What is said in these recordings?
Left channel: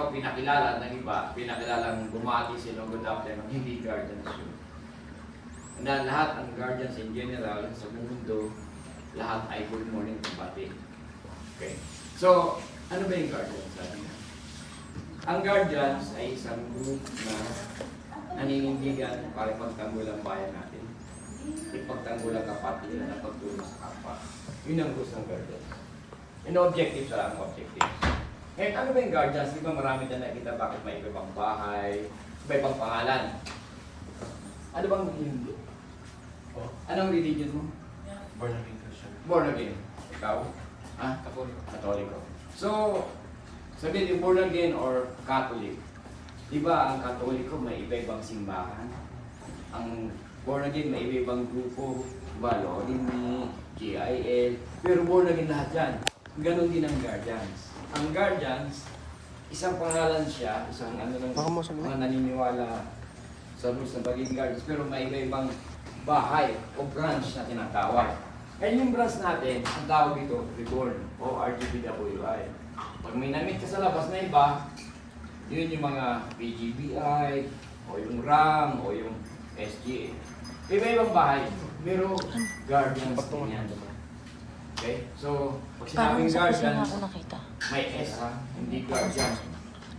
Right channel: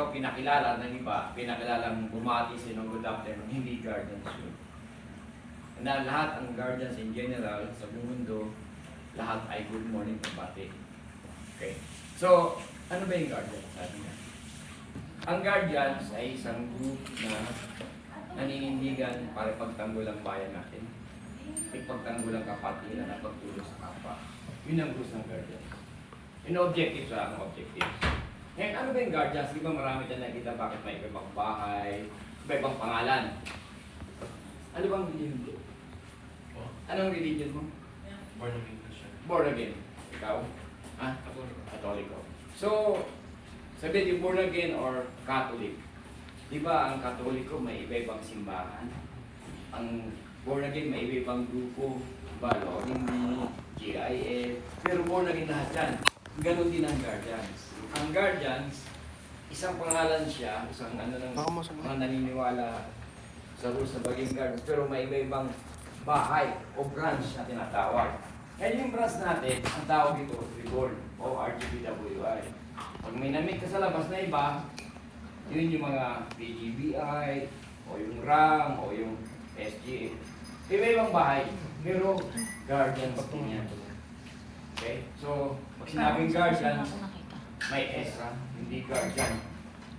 ikaw pinakilala ng iba, pinakilalang bumati sila ng good afternoon, hindi guardians yun. Na lahat ang guardians in general sa mundo, lahat ay good morning kumbati. Okay. So, ano ba yung guardians? Sabi nga. Ang guardians ay isang group na naninindigan para pagtanggol ang bayan natin. Pagtanggol ang kapatiran at pagtulong sa kapwa. Yun ang gusto ng guardians. Yung objective sa ang objective. Ngayon, ano ba yung guardians? Di ba marami tayo nakita bakit may ibang bahay, ibang pangalan? Ano bang religion? Anong religion mo? Born again Christian. Born again. Ikaw? Ha? Ako. Katoliko. So, sabihin yung born again or Catholic. Di ba ang Katoliko may iba-ibang simbahan? Ang born again may iba-ibang grupo. Diba? Lodini, GIL. Pero born again lahat yan. Ganon din ang guardians. Ang guardians, isang pangalan siya, isang ano ng mga naniniwala sa rules ng pagiging guardians, pero may iba-ibang bahay o branch na tinatawag. Kaya yung branch natin, ang tawag ito, reborn o RGPWI. Pag may namit ka sa labas na iba, yun yung mga PGBI, o yung RAM, o yung SGA. Iba-ibang bahay, pero guardians din yan. Okay? So, pag sinabing guardians, may S ha, hindi guardians.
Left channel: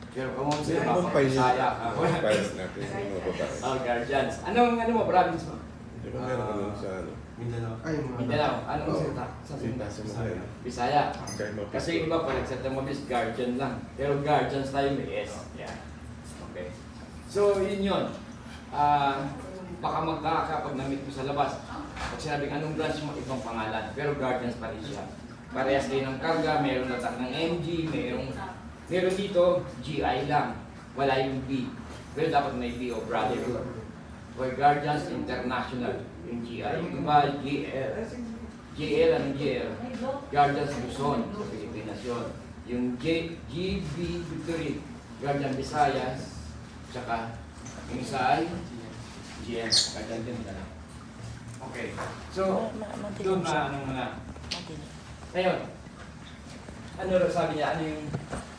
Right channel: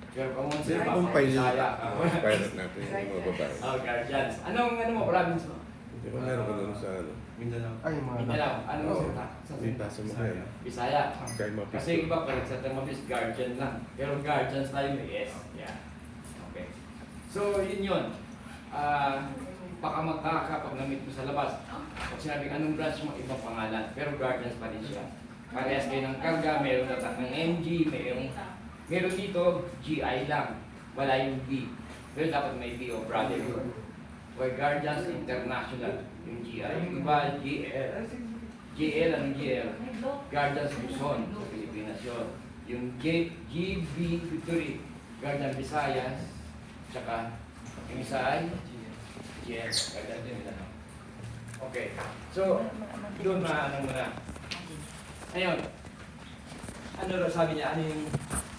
Pero kung sila mapapasaya ka. Oh, guardians. Anong mo, province mo? Di ba meron ka doon sa ano? Mindanao. Ay, Mindanao. Anong salita? Sa Bisaya. Bisaya. Kaya mapis- Kasi iba pa, nagsalita mo is guardian lang. Pero guardians tayo may S. Yeah. Okay. So, yun yun. Baka magkakapag namit mo sa labas. Pag sinabing anong branch mo, ibang pangalan. Pero guardians pa rin siya. Parehas din ng karga, meron natak ng MG, meron dito, GI lang. Wala yung B. Pero dapat may B o brotherhood. Or Guardians International, yung GI. Yung ba, GL? GL, anong GL? Guardians Luzon, sa Pilipinas yun. Yung GB Victory, Guardian Visayas, tsaka yung isa ay GL, Guardian Mindanao. Okay. So, doon na ano muna. Ngayon, ano raw sabi niya, ano yung,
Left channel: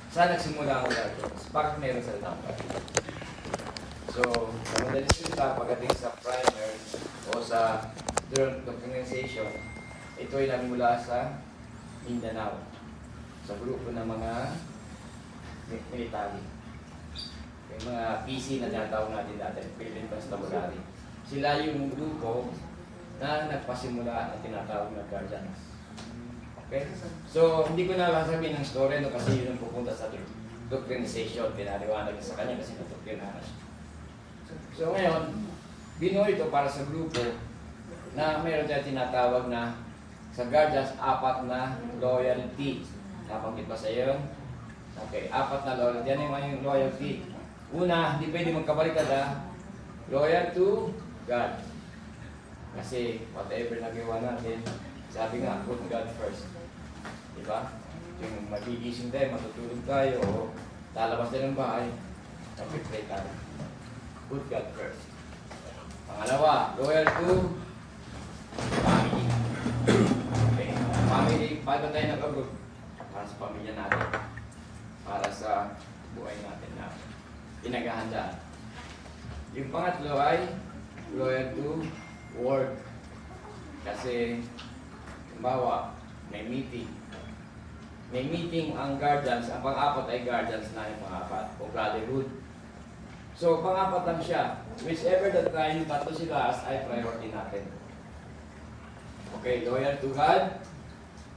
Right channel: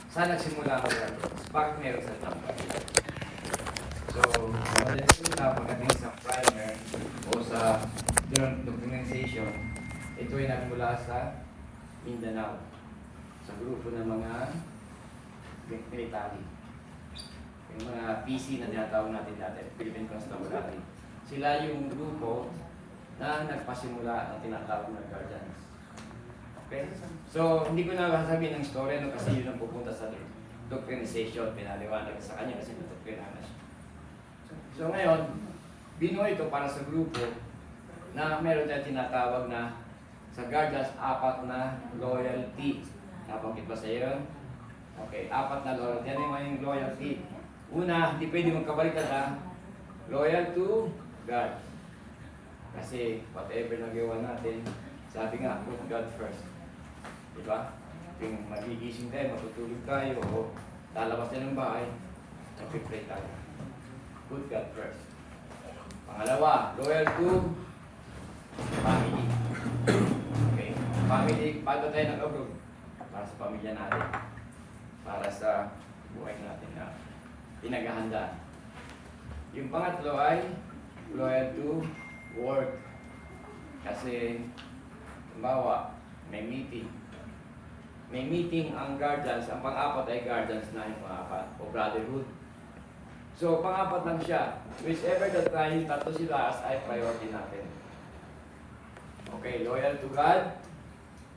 saan nagsimula ang guardians? Bakit meron sa tangkad? So, sa pagdating sa primer o sa documentation, ito ay nagmula sa Mindanao, sa grupo ng mga military. Yung mga PC na tinatawag natin dati, Philippine Constabulary. Sila yung grupo na nagpasimula ng tinatawag na guardians. Okay? So, hindi ko na sasabihin ng story no, kasi yun ang pupunta sa doctrinization. Pinaliwanag sa kanya kasi na-doctrina na siya. So ngayon, binuo ito para sa grupo na meron tayo tinatawag na sa guardians, 4 na loyalty. Napakit ba sa iyo? Okay, 4 na loyalty. Yan yung loyalty. Una, hindi pwede magkabaliktad ha. Loyal to God. Kasi whatever nagawa natin, sabi nga, put God first. Diba? Yung magigising tayo, matutulog tayo, o lalabas tayo ng bahay, nag-pray tayo. Put God first. Pangalawa, loyal to family. Okay. Family, paano tayo nag-abroad? Para sa pamilya natin. Para sa buhay natin na pinaghahandaan. Yung pangatlo ay loyal to work. Kasi, halimbawa, may meeting. May meeting ang guardians, ang pang-apat ay guardians na yung pang-apat, o brotherhood. So, pang-apat lang siya. Whichever that tayo, tatlo sila as ay priority natin. Okay, loyal to God,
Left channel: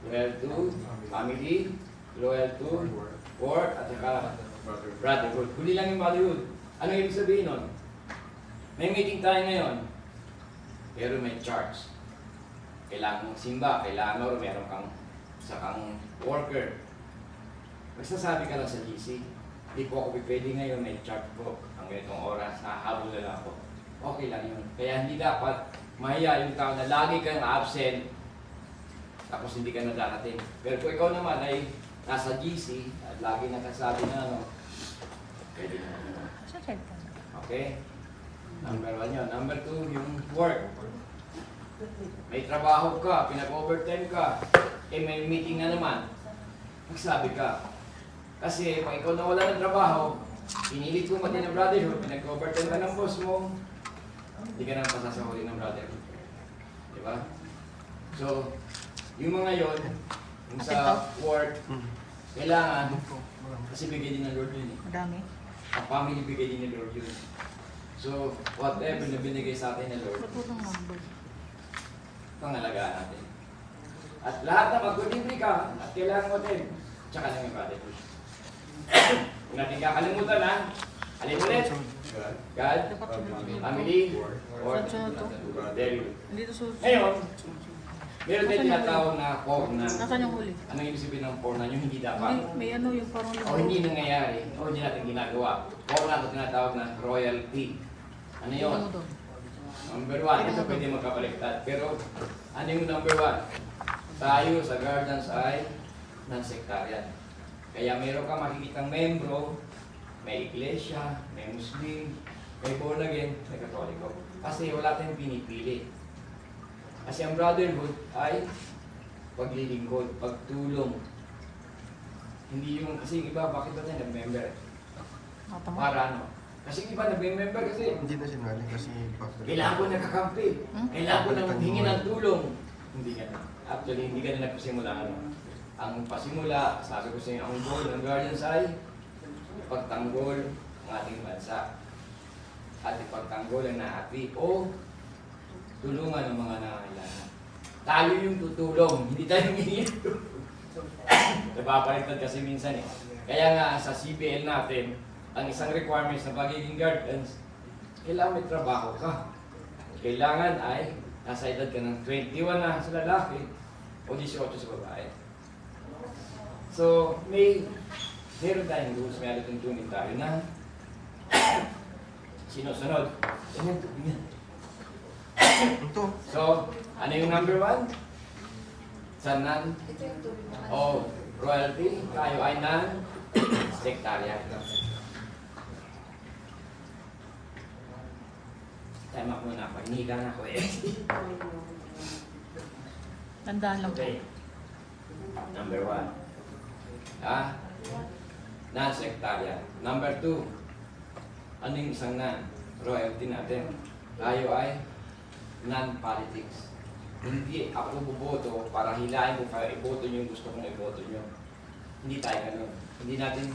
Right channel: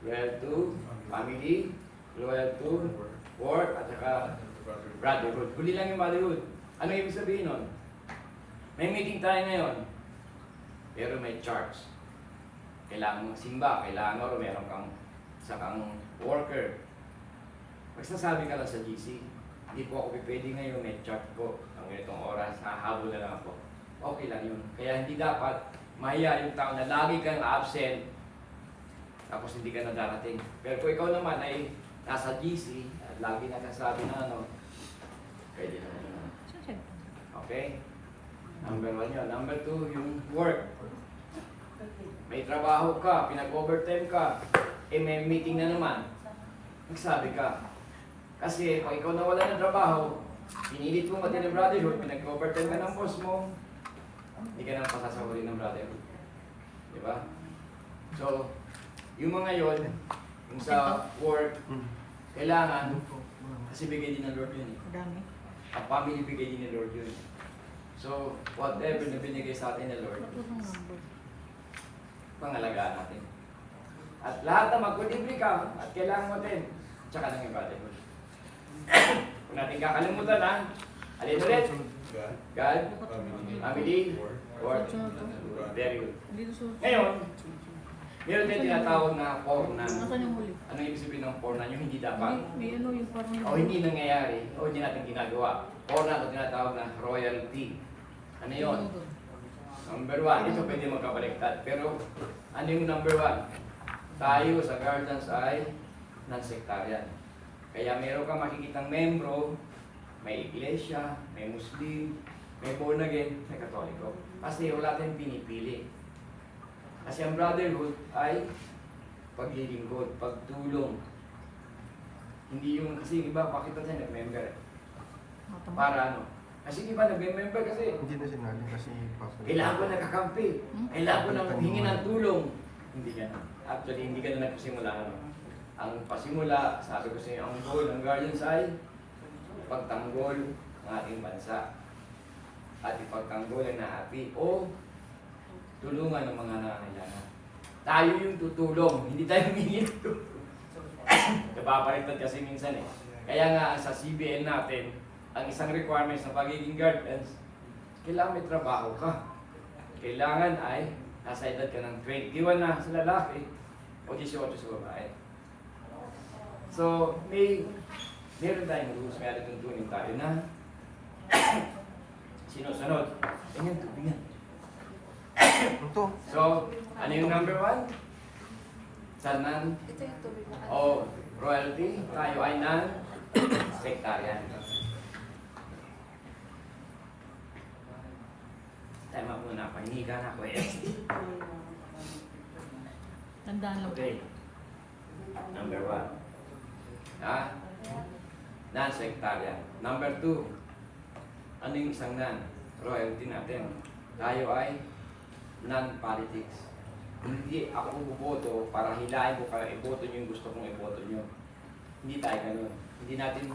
loyal to family, loyal to work, at saka brotherhood. Huli lang yung brotherhood. Ano ibig sabihin nun? May meeting tayo ngayon, pero may charge. Kailangan magsimba, kailangan o meron kang isa kang worker. Magsasabi ka lang sa GC, hindi po ako pwede ngayon, may charge ko. Ang ganitong oras, nahabol na lang ako. Okay lang yun. Kaya hindi dapat mahiya yung tao na lagi kang absent, tapos hindi ka na darating. Pero kung ikaw naman ay nasa GC at lagi nakasabi na ano, pwede ka na yun. Okay? Number 1 yun. Number 2, yung work. May trabaho ka, pinag-overtime ka, may meeting na naman. Magsabi ka. Kasi pag ikaw nawala ng trabaho, pinilit mo mati ng brotherhood, pinag-overtime ka ng boss mo, hindi ka na pasasahuli ng brotherhood. Di ba? So, yung mga yon, yung sa work, kailangan, kasi bigay din ng Lord yun eh. Madami. Ang family bigay din ng Lord yun. So, whatever na binigay sa atin ng Lord, pangalagaan natin. At lahat na mag-contribute ka at kailangan mo din, tsaka lang yung brotherhood. Huwag natin kakalimutan ha. Alin ulit? God, family, work, very good. Dito sa... Ngayon, meron din tinatawag na core na. Nasaan yung huli? Ano yung ibig sabihin ng core na yung hindi dapat? May ano yung parang yung... O hindi nangyayari, o hindi natin ginagawa. Core na ito tinatawag na royalty. Ano yun? Number one, ito pwede magkabaliktad. Pero ano yung number one? Tayo sa Guardians ay non-sectarian. Kaya meron ka makikitang membro, may iglesia, may Muslim, may born again, may Katoliko. Kasi wala tayong pinipili. Kasi ang brotherhood ay paglilingkod, pagtulong. Hindi yung, kasi yung iba, bakit natin nag-member? Para ano? Kasi yung iba nag-member kasi Hindi na sinali kasi papalit. kailangan ko nagkakampi. Kailangan ko nang hingi ng tulong. Hindi ka na. Actually, hindi ka na nagpasimula. Ano? Ang pasimula, sabi ko sa inyo, ang goal ng Guardians ay pagtanggol ng ating bansa. At ipagtanggol ang naati o tulungan ng mga nangangailangan. Tayo yung tutulong, hindi tayo hingi. Napapalitan kasi minsan eh. Kaya nga sa CBN natin, ang isang requirements na pagiging guardians, kailangan may trabaho ka. Kailangan ay nasa edad ka ng 21 na sa lalaki o 18 sa babae. So, meron tayong rules, may alituntunin tayo na sinusunod. Tingnan. Ito. So, ano yung number one? Sa o royalty, tayo ay non-sectarian. Time up muna ako, hindi ka na ako eh. Tandaan lang. Okay. Number one. Non-sectarian. Number two. Ano yung isang royalty natin? Tayo ay non-politics. Hindi ako buboto para hilahin ko para iboto nyo yung gusto kong iboto nyo. Hindi tayo ganun. Hindi natin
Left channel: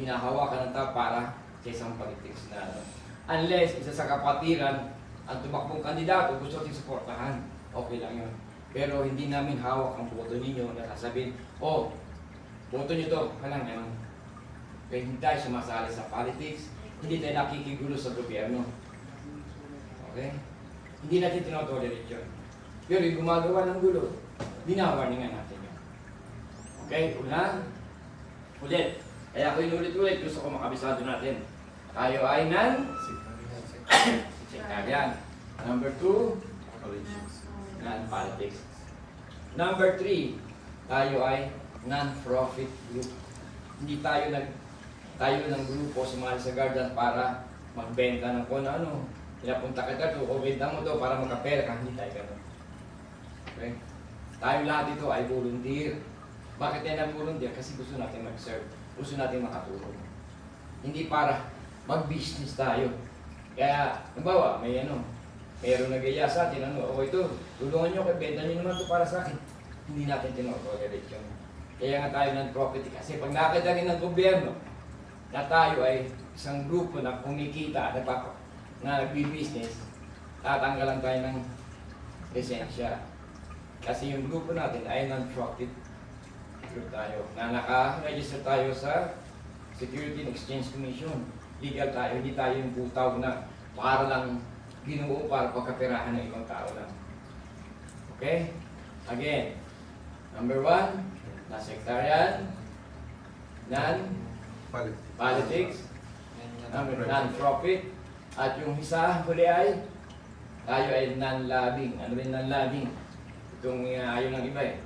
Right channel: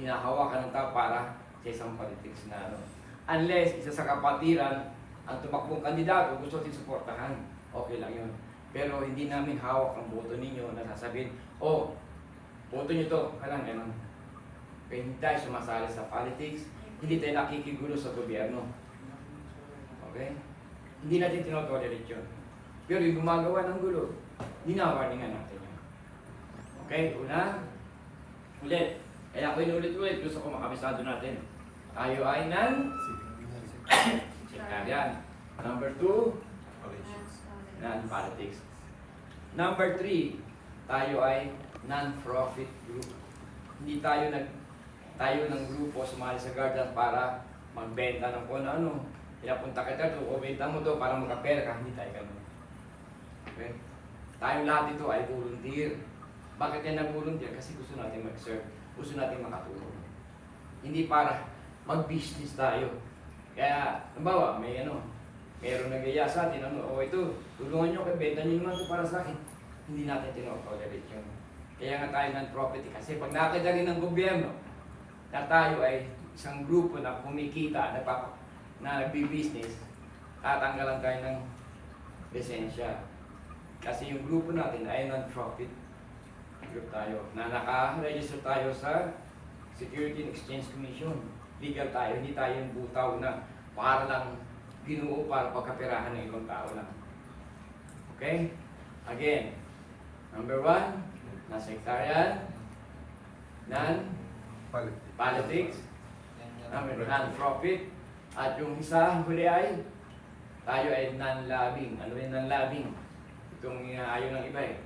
hinahawakan ng tao para sa isang politics na ano. Unless isa sa kapatiran, ang tumakbong kandidato gusto natin suportahan. Okay lang yun. Pero hindi namin hawak ang boto ninyo na sasabihin, oh, boto nyo to. Kailang ganun. Kaya hindi tayo sumasali sa politics, hindi tayo nakikigulo sa gobyerno. Okay? Hindi natin tinotolerate yun. Pero yung gumagawa ng gulo, dinawarningan natin yun. Okay? Una, ulit. Kaya ako inulit-ulit, gusto ko makabisado natin. Tayo ay non-sectarian. Number two, non-politics. Number three, tayo ay non-profit group. Hindi tayo ng grupo sumali sa Guardian para magbenta ng kung ano. Pinapunta ka dito o benta mo to para magkapera. Hindi tayo ganun. Okay? Tayo lahat dito ay volunteer. Bakit yan ang volunteer? Kasi gusto natin mag-serve. Gusto natin makatulong. Hindi para mag-business tayo. Kaya, nabawa, mayroong nagaya sa atin, o ito, tulungan nyo, benta nyo naman ito para sa akin. Hindi natin tinotolerate yun. Kaya nga tayo ng profit. Kasi pag nakita rin ng gobyerno, na tayo ay isang grupo na kumikita, na nagbi-business, tatanggalan tayo ng lisensya. Kasi yung grupo natin ay non-profit group tayo, na naka-register tayo sa Security and Exchange Commission. Legal tayo, hindi tayo yung butaw na para lang binuo para pagkapirahan ng ibang tao lang. Okay? Again, number one, non-sectarian, non-politics, non-profit, at yung isa huli ay tayo ay non-lobbying. Ano ba yung non-lobbying? Itong ayaw ng iba eh.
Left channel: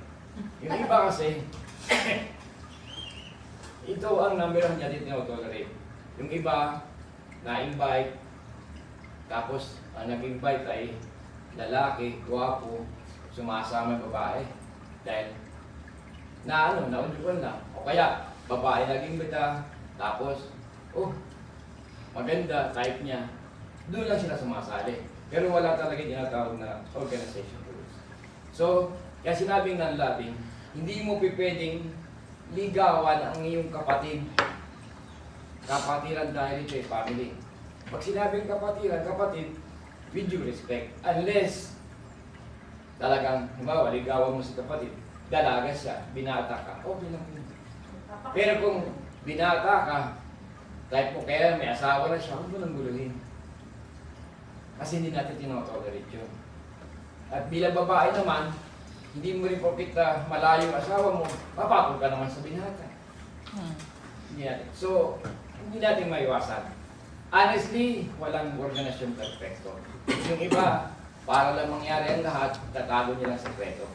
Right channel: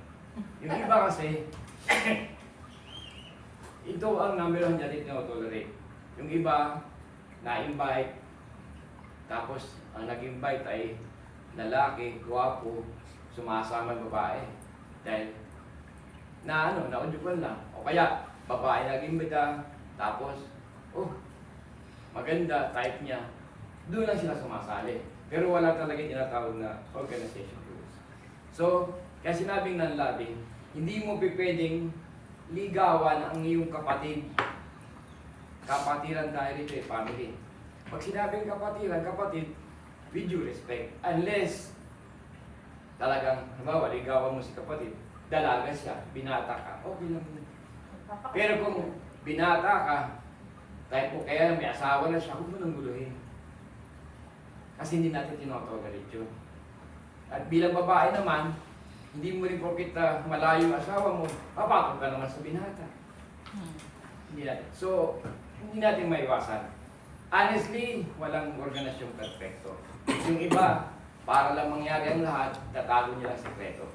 Yung iba kasi, ito ang number one natin tinotolerate. Yung iba, na-invite, tapos ang nag-invite ay lalaki, gwapo, sumasama yung babae. Dahil, naundukan lang. O kaya, babae naging bita, tapos, oh, maganda, type niya, doon lang sila sumasali. Pero wala talaga tinatawag na organization rules. So, kaya sinabing ng labing, hindi mo pwedeng ligawan ang iyong kapatid. Kapatiran dahil ito ay family. Pag sinabing kapatiran, kapatid, with due respect. Unless, talagang, halimbawa, ligawan mo si kapatid, dalaga siya, binata ka, okay lang yun. Pero kung binata ka, type mo kaya may asawa na siya, huwag mo nang guluhin. Kasi hindi natin tinotolerate yun. At bilang babae naman, hindi mo rin porkit malayo ang asawa mo, papatong ka naman sa binata. Hindi natin. So, hindi natin maiwasan. Honestly, walang organisasyon perfecto. Yung iba, para lang mangyari ang lahat, tatago nilang sekreto.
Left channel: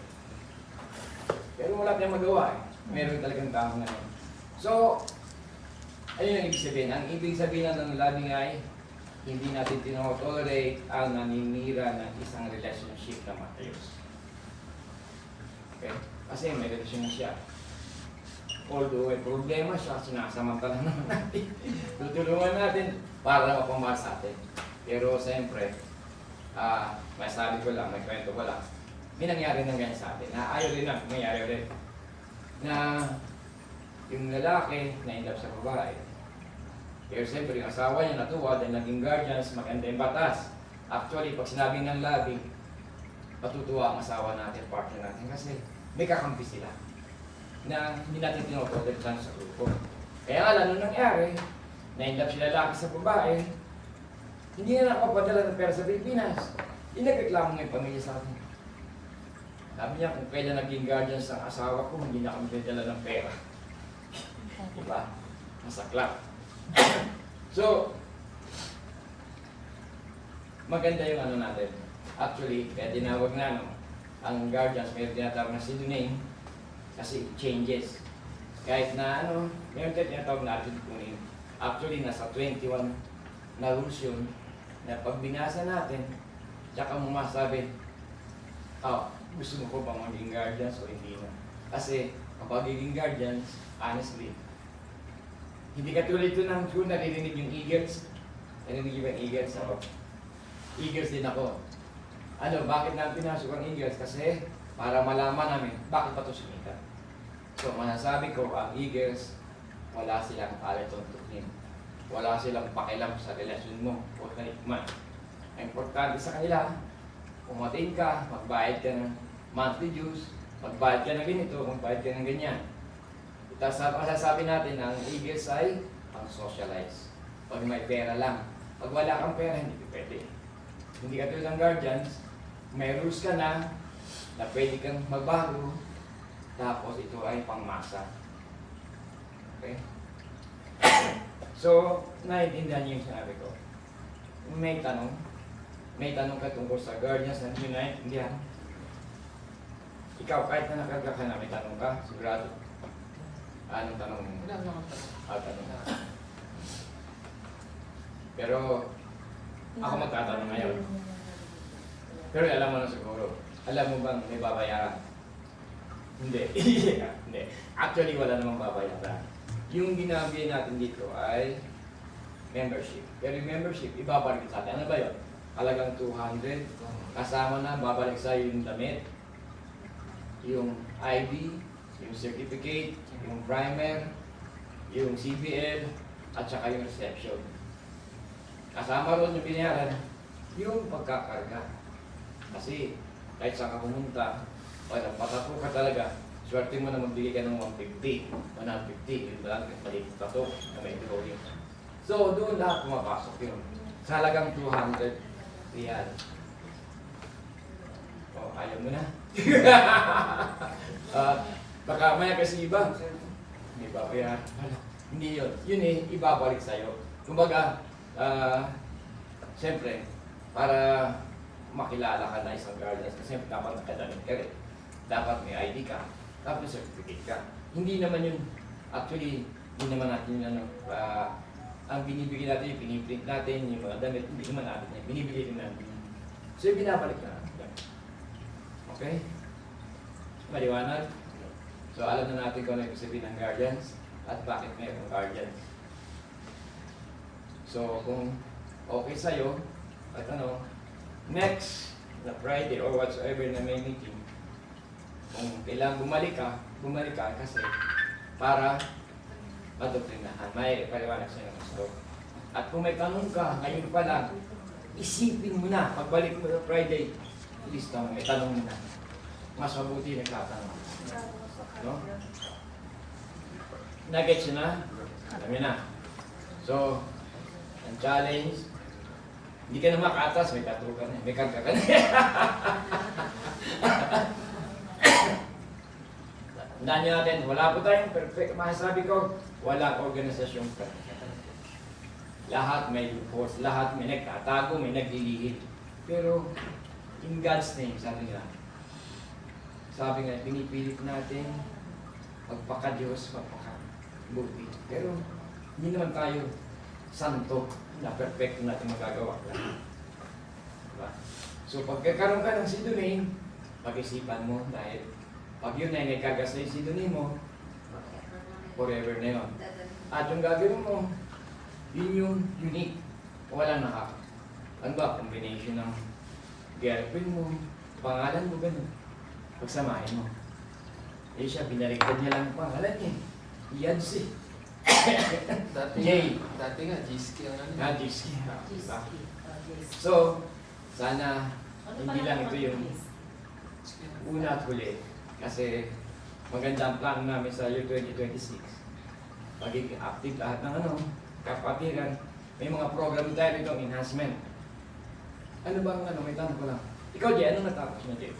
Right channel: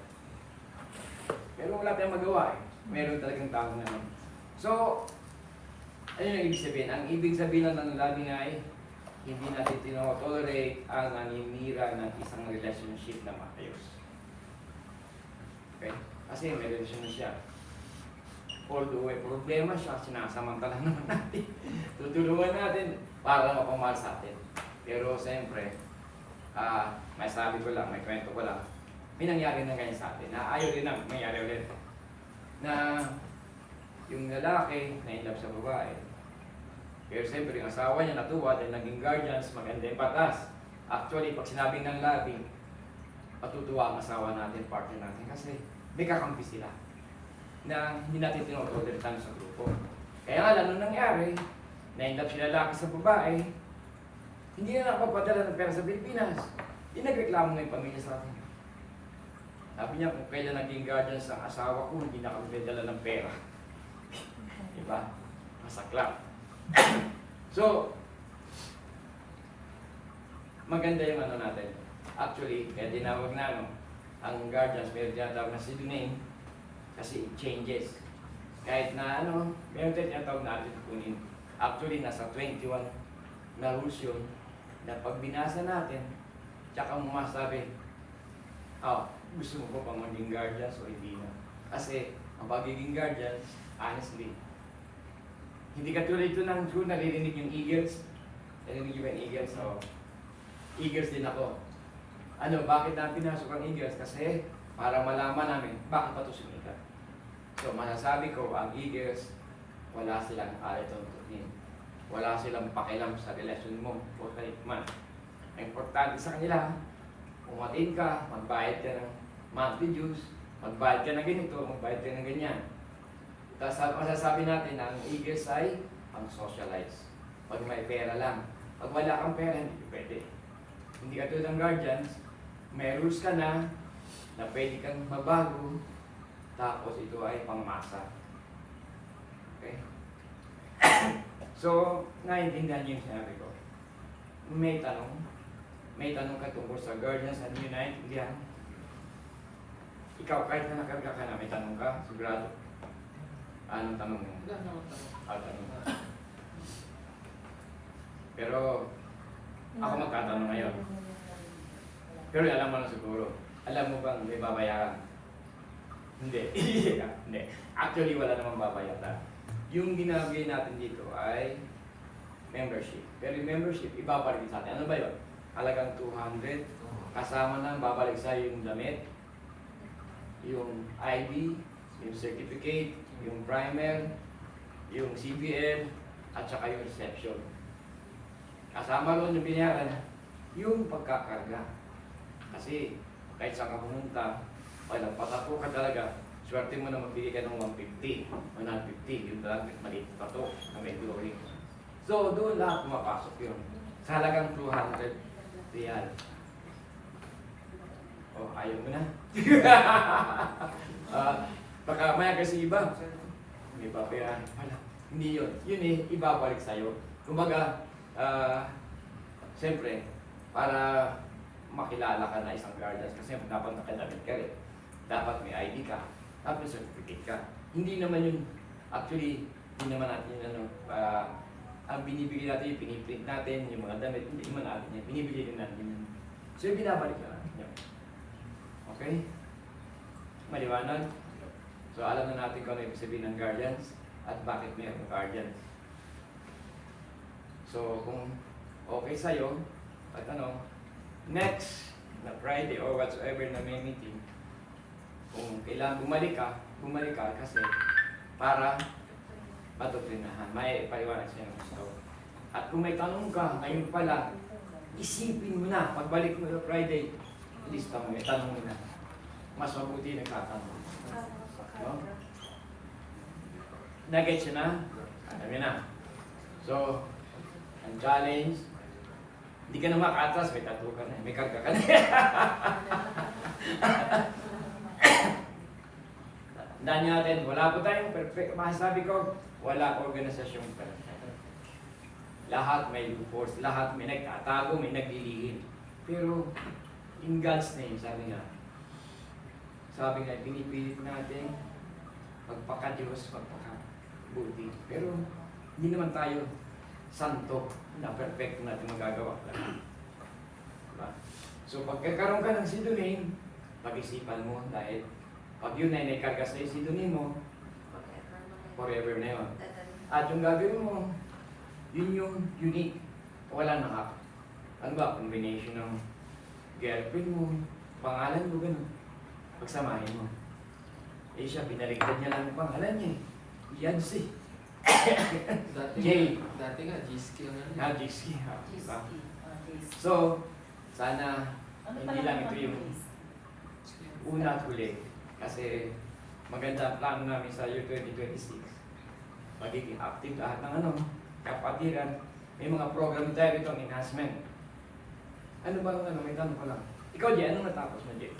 Pero wala tayong magawa eh. Meron talagang tao na. So, ayun yung ibig sabihin. Ang ibig sabihin ng labing ay, hindi natin tinotolerate ang naninira ng isang relationship na matayos. Okay? Kasi may relasyon na siya. Although may problema siya, sinasamantala naman natin. Tutulungan natin para mapamahal sa atin. Pero siyempre, may sabi ko lang, may kwento ko lang, may nangyari na ganyan sa atin, na ayaw rin na, nangyari rin. Na yung lalaki na in love sa babae. Pero siyempre, yung asawa niya natuwa dahil naging guardians, maganda yung batas. Actually, pag sinabing ng labing, matutuwa ang asawa natin, partner natin, kasi may kakampi sila na hindi natin tinotolerate sa grupo. Kaya nga lang, nung nangyari, na-in-love si lalaki sa babae, hindi na nakapadala ng pera sa Pilipinas. Inagreklamo na yung pamilya sa akin. Sabi niya, kung kailan naging guardian sa asawa ko, hindi na kami dala ng pera. Diba? Masaklap. So, maganda yung ano natin. Actually, kaya tinawag na ang guardians, may tinatawag na city name, kasi it changes. Kahit na meron tayo tinatawag natin kung actually nasa 21 na rules yun, na pag binasa natin, tsaka mo masabi, gusto mo ko bang maging guardians o hindi na? Kasi ang pagiging guardians, honestly, hindi katulad ito ng true naririnig yung Eagles. Narinig yung Eagles ako. Eagles din ako. Bakit natin pinasok ang Eagles? Kasi para malaman namin bakit pa ito sumita. So masasabi ko, ang Eagles, wala silang alituntunin. Wala silang pakialam sa relasyon mo o kanikman. Ang importante sa kanila, umatin ka, magbayad ka ng monthly dues, magbayad ka ng ganito, magbayad ka ng ganyan. Tapos masasabi natin, ang Eagles ay socialize. Pag may pera lang. Pag wala kang pera, hindi pwede. Hindi ka tulad ng guardians, may rules ka na pwede kang magbago, tapos ito ay pangmasa. Okay? So, naiintindihan niyo yung sinabi ko. May tanong ka tungkol sa guardians at unite, hindi yan. Ikaw, kahit na nakarga ka na, may tanong ka, sigurado. Anong tanong mo? Tanong na. Pero, ako magtatanong ngayon. Pero alam mo na siguro. Alam mo bang may babayaran? Hindi. Hindi. Actually, wala namang babayaran. Yung ginagawa natin dito ay membership. Pero yung membership, ibabalik sa atin. Ano ba yun? Halagang 200. Kasama na, babalik sa'yo yung damit, yung ID, yung certificate, yung primer, yung CBL, at saka yung reception. Kasama ron yung binayaran, yung pagkakarga. Kasi kahit saan ka pumunta, pag napatapo ka talaga, swerte mo na magbigay ka ng 150, 150, yun talaga, maliit pa to, na may drawing. So, doon lahat pumapasok yun. Sa halagang 200 real. Oh, ayaw mo na. Baka maya kasi iba, may babayaran. Hindi yun. Yun ibabalik sa'yo. Kumbaga, siyempre, para makilala ka na isang guardian, kasi dapat nakadamit ka rin. Dapat may ID ka, dapat may certificate ka. Hindi naman yun, actually, hindi naman natin yun, ang binibigay natin, piniprint natin, yung mga damit, hindi naman natin yan, binibigay din natin. So yung binabalik ka. Okay? Maliwanag? So alam na natin kung ano yung sabihin ng guardians. at bakit mayroong guardian. So, kung okay sa'yo, at ano, next na Friday or whatsoever na may meeting, kung kailangan bumalik ka kasi para matutrinahan, may paliwanag sa'yo ng gusto. At kung may tanong ka, ngayon pa lang, isipin mo na, pagbalik mo sa Friday, lista mo, may tanong mo na. Mas mabuti nagtatanong. No? Nag-gets na? Alam niyo na. So, ang challenge, hindi ka na makatras, may tattoo ka na, may karga ka na. Tandaan niyo natin, wala po tayong perfect. Masasabi ko, wala organisasyong perfect. Lahat may loopholes, lahat may nagtatago, may naglilihim. Pero, in God's name, sabi nga, pinipilit natin magpaka-Diyos, magpaka-buti. Pero, hindi naman tayo santo na perfecto natin magagawa. Diba? So, pagkakaroon ka ng sidunin, pag-isipan mo dahil pag yun ay nagkagas na yung sidunin mo, forever na yun. At yung gagawin mo, yun yung unique. Wala na ka. Ano ba? Combination ng girlfriend mo, pangalan mo, gano'n. Pagsamahin mo. Eh siya, binaligtad niya lang ang pangalan niya. Yancy. Jay. Dati nga, Jiski ang ano. Nga, Jiski. Diba? So, sana hindi lang ito yung una at huli. Kasi maganda ang plano namin sa year 2026. Magiging active lahat ng kapatiran. May mga program tayo itong enhancement. Ano bang may tanong ko lang? Ikaw, Jay, anong natapos mo, Jay?